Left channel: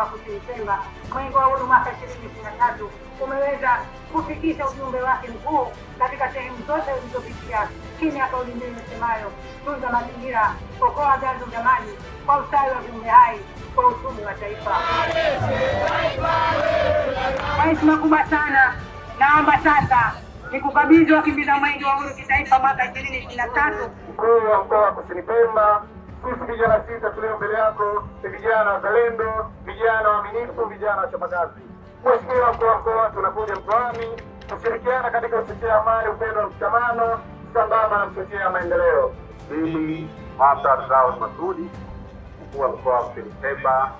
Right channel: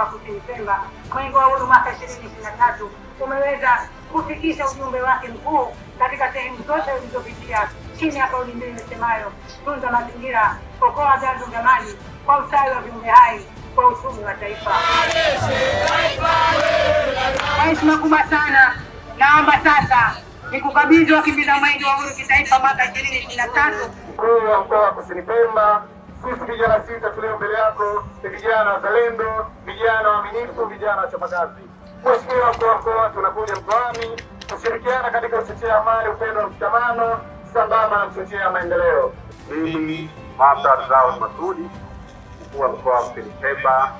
wa Kusini Pemba, Mwenge wa Uhuru mwaka 2023 umeweza kufikisha ujumbe wake mkuu katika sehemu zote zilizopitia chini ya kauli mbiu isemayo tunza mazingira, okoa vyanzo vya maji kwa ustawi wa viumbe hai kwa uchumi wa taifa. Heshima kubwa sana, naomba sasa nikukabidhi wakimbiza Mwenge wa Uhuru kitaifa mwaka 2023. Mkuu wa mkoa wa Kusini Pemba, sisi vijana sita tulio mbele yako ni vijana wazalendo, vijana waaminifu, vijana wachapakazi. Mheshimiwa mkuu wa mkoa, tunakuja mkoani kushirikiana katika kuchochea amani, upendo na mshikamano sambamba na kuchochea maendeleo. Mimi Martha Zao Masudi, mkuu wa mkoa wa Kusini Pemba,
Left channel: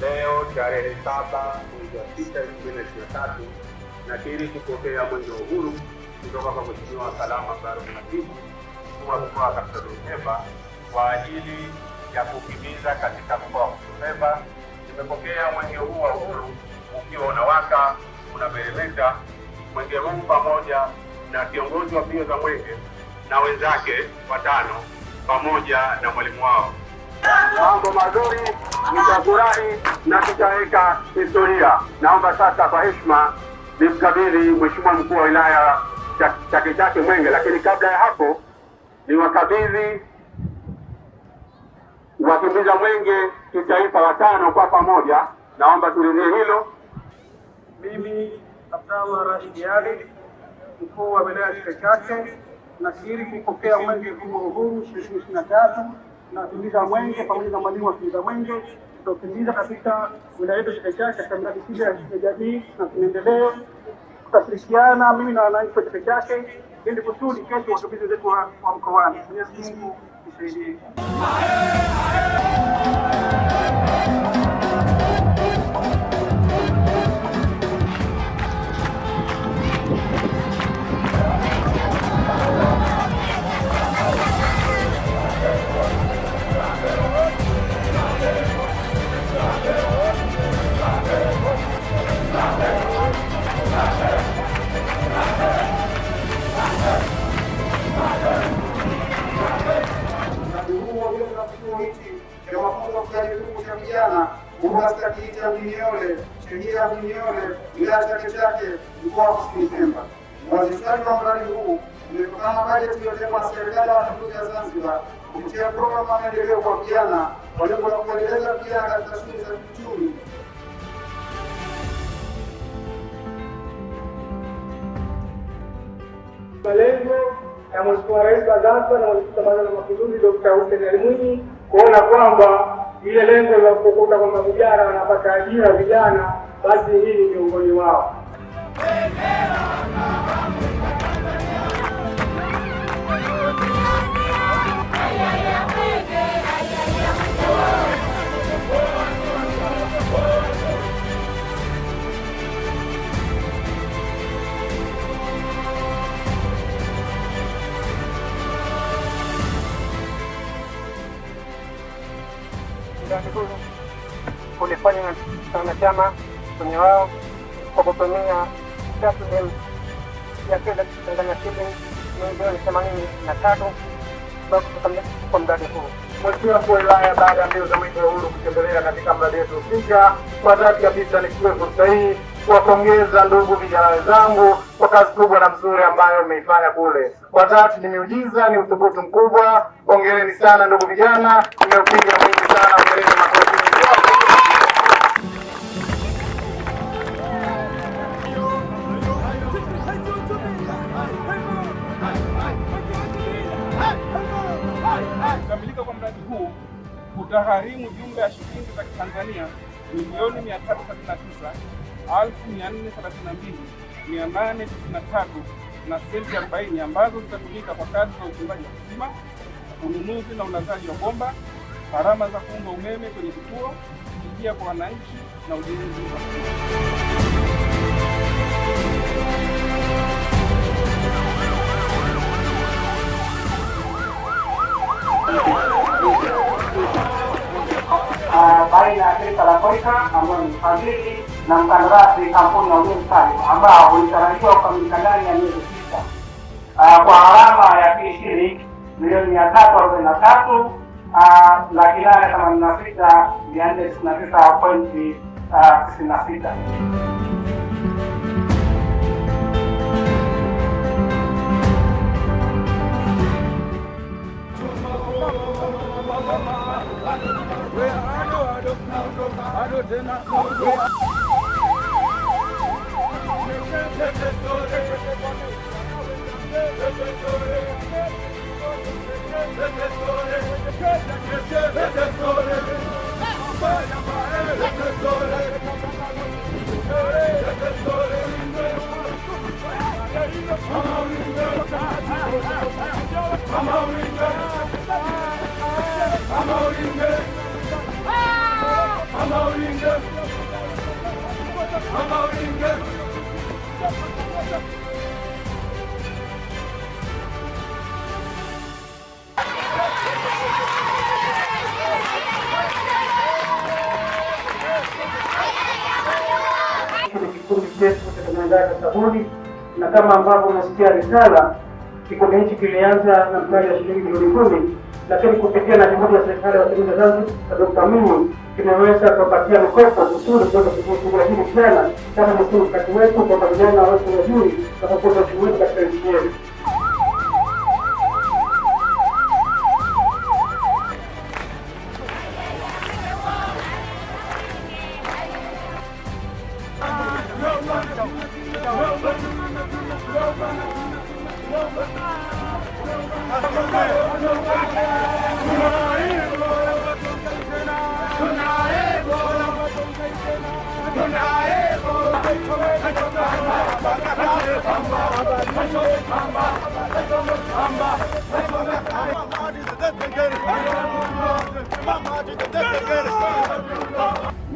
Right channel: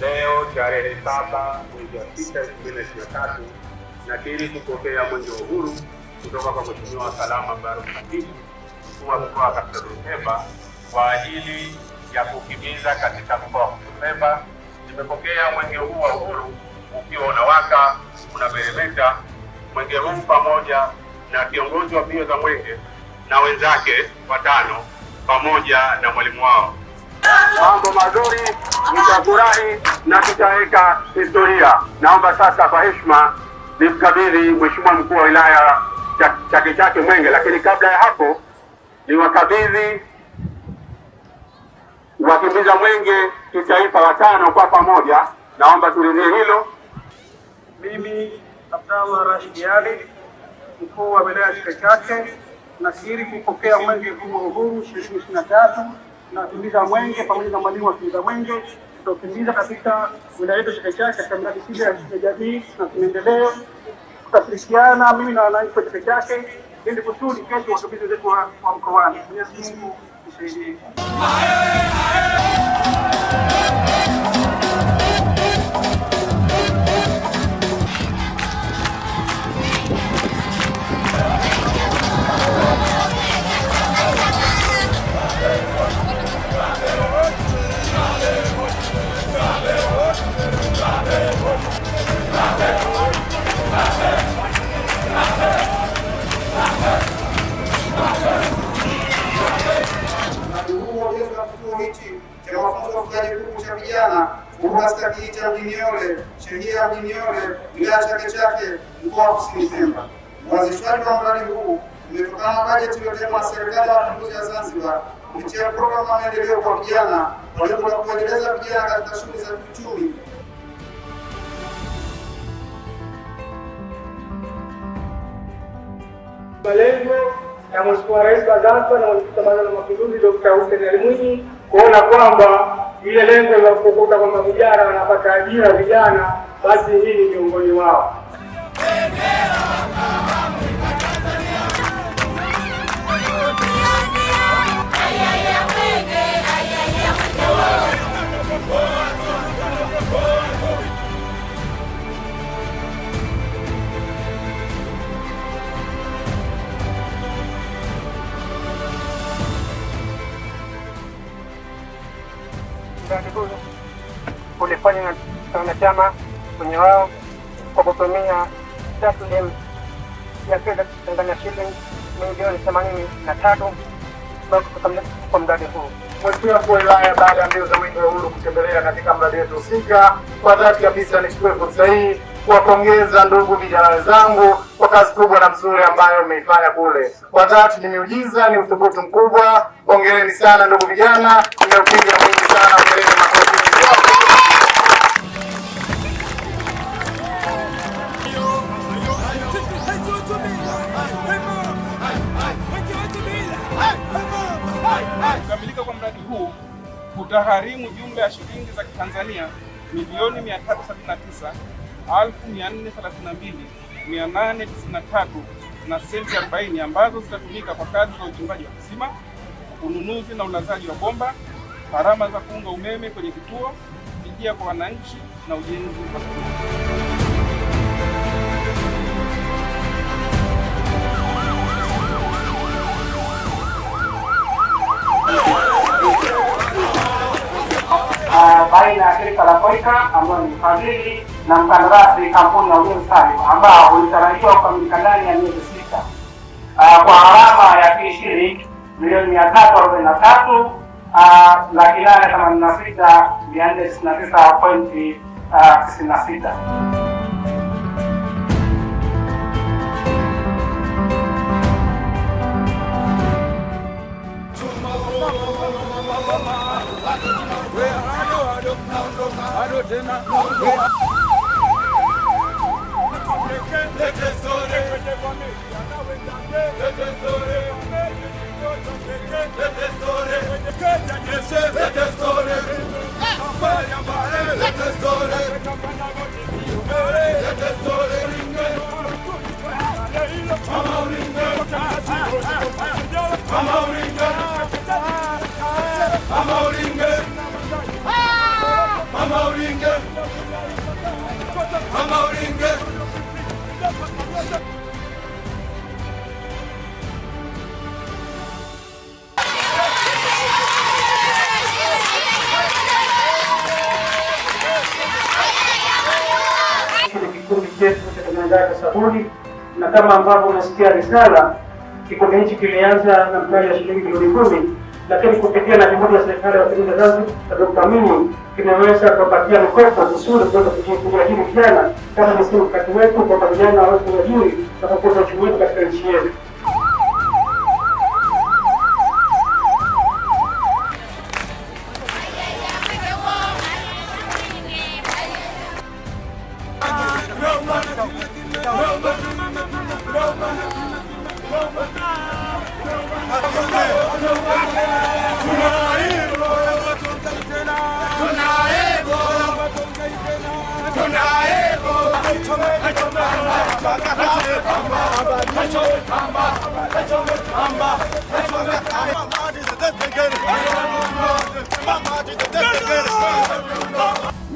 leo tarehe 7 mwezi wa 6 2023 nakiri kupokea Mwenge wa Uhuru kutoka kwa Mheshimiwa Salama Baruk Khatibu, mkuu wa mkoa wa Kaskazini Pemba, kwa ajili ya kukimiza katika mkoa wa Kusini Pemba. Nimepokea mwenge huu wa uhuru ukiwa unawaka, unameremeta. Mwenge huu pamoja na kiongozi wa mbio za mwenge na wenzake watano pamoja na mwalimu wao. Mambo mazuri, mtafurahi na tutaweka historia. Naomba sasa kwa heshima nimkabidhi Mheshimiwa mkuu wa wilaya Chake Chake Mwenge, lakini kabla ya hapo niwakabidhi wakimbiza mwenge kitaifa watano kwa pamoja. Naomba tulizie hilo. Mimi Abdallah Rashid Ali, mkuu wa wilaya Chake Chake, nakiri kupokea mwenge huu wa uhuru 2023 na wakimbiza mwenge pamoja na mwalimu wa wakimbiza mwenge tutakimbiza katika wilaya yetu Chake Chake katika miradi sita ya jamii na maendeleo. Tutashirikiana mimi na wananchi wa Chake Chake ili kusudi kesho wakimbizi wetu wa mkoani. Mwenyezi Mungu tusaidie. cha Mdimiole, sheria ya Mdimiole, wilaya Chake Chake, mkoa wa Kusini Pemba. Uanzishwaji wa mradi huu umetokana na bajeti iliyotengwa na serikali ya mapinduzi ya Zanzibar kupitia programu ya maendeleo kwa vijana kwa lengo la kuendeleza vijana katika shughuli za kiuchumi. Malengo ya Mheshimiwa Rais wa Zanzibar na Mwenyekiti wa Baraza la Mapinduzi Dr. Hussein Ali Mwinyi kuona kwamba ile lengo la kukuta kwamba vijana wanapata ajira vijana, basi hii ni miongoni wao. Kulifanya wanachama kwenye wao kwa kutumia takriban ya fedha Tanzania shilingi milioni 83 kwa mradi huu. Mheshimiwa mkuu wa wilaya, baada ya mbio za Mwenge wa Uhuru kutembelea katika mradi wetu husika, kwa dhati kabisa nichukue fursa hii kuwapongeza ndugu vijana wenzangu kwa kazi kubwa na nzuri ambayo mmeifanya kule. Kwa dhati ni miujiza, ni uthubutu mkubwa. Hongereni sana ndugu vijana, mmeupiga mwingi sana, hongereni makofi. Kukamilika kwa mradi huu kutagharimu jumla ya shilingi za Kitanzania milioni 332,432,893 na senti 40 ambazo zitatumika kwa kazi za uchimbaji wa kisima, ununuzi na ulazaji wa bomba, gharama za kuunga umeme kwenye vituo, fidia kwa wananchi na ujenzi wa baina ya shirika la Koika ambayo ni mfadhili na mkandarasi kampuni ya Ujenzi Salif ambao ulitarajiwa kukamilika ndani ya miezi 6 kwa gharama ya shilingi milioni 343 886,499.96. Kikundi chetu cha utengenezaji sabuni, na kama ambavyo unasikia risala, kikundi hichi kilianza na mtaji wa shilingi milioni 10, lakini kupitia na juhudi ya serikali ya Mapinduzi ya Zanzibar na Dr. Mwinyi kimeweza kupatia mikopo kusudi kuweza kujifunza hili vijana kama ni sisi kati wetu kwa vijana wote wazuri na kukuza uchumi wetu katika nchi yetu.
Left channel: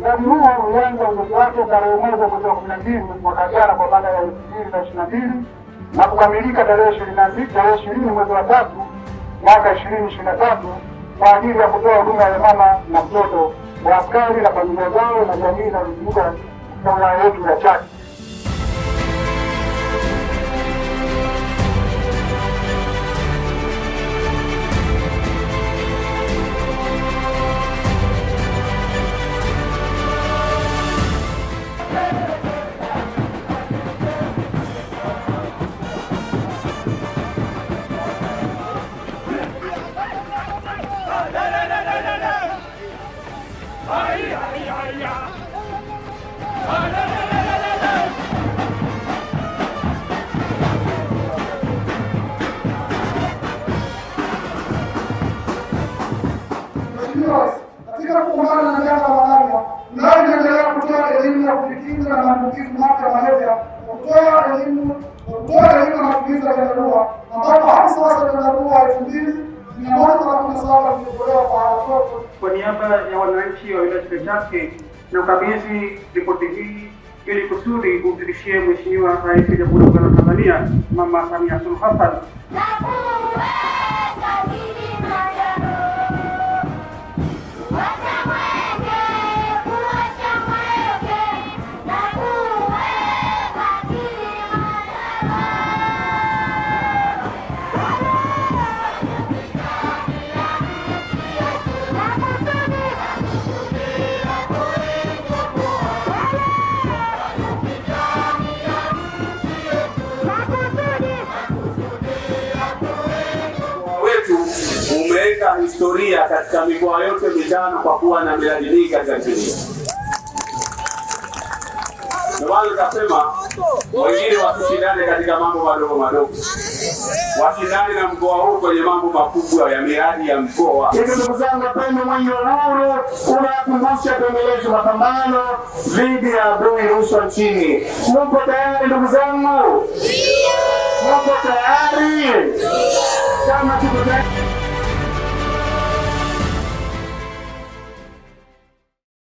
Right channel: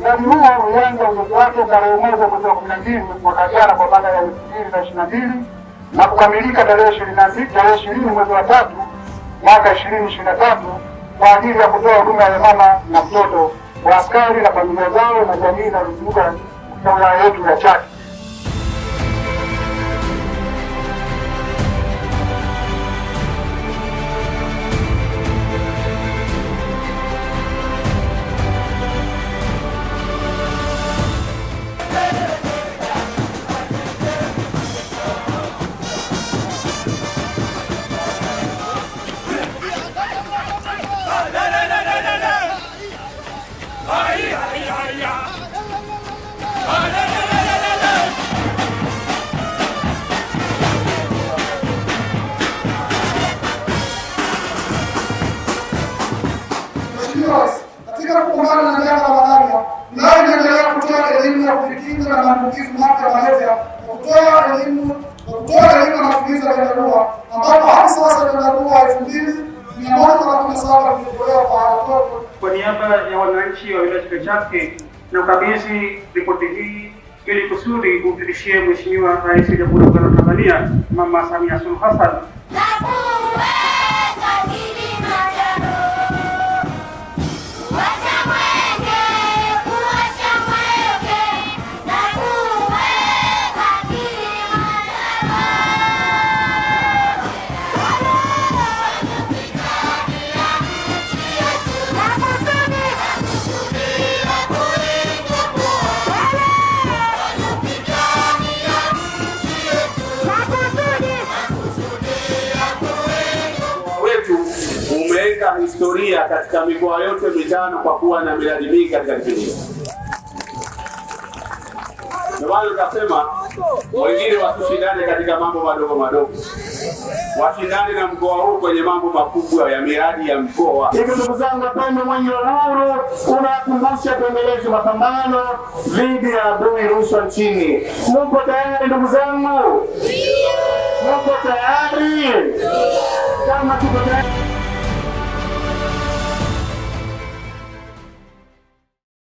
Mradi huo ulianza ujenzi wake tarehe mwezi wa 12 mwaka jana kwa maana ya 2022 na kukamilika tarehe 20 mwezi wa 3 mwaka 2023 kwa ajili ya kutoa huduma ya mama na mtoto wa askari na familia zao na jamii na kuzunguka wilaya yetu ya Chato. Katika kupambana na janga la malaria, mradi unaendelea kutoa elimu ya kujikinga na maambukizi mapya ya malaria, kutoa elimu na matumizi ya chandarua, ambapo hadi sasa chandarua 2137 vimetolewa kwa watoto. Kwa niaba ya wananchi wa wilaya ya Chake Chake na ukabidhi ripoti hii ili kusudi kumfikishie Mheshimiwa Rais wa Jamhuri ya Muungano wa Tanzania Mama Samia Suluhu Hassan. Umeweka historia katika mikoa yote mitano kwa kuwa na miradi mingi katika nchi. Ndio maana tukasema wengine wasishindane katika mambo madogo madogo, washindane na mkoa huu kwenye mambo makubwa ya miradi ya mkoa. Hivi ndugu zangu wapendwa, mwenye uhuru unakumbusha kuendeleza mapambano dhidi ya adui rushwa nchini. Mko tayari ndugu zangu? Mko tayari? Kama tuko tayari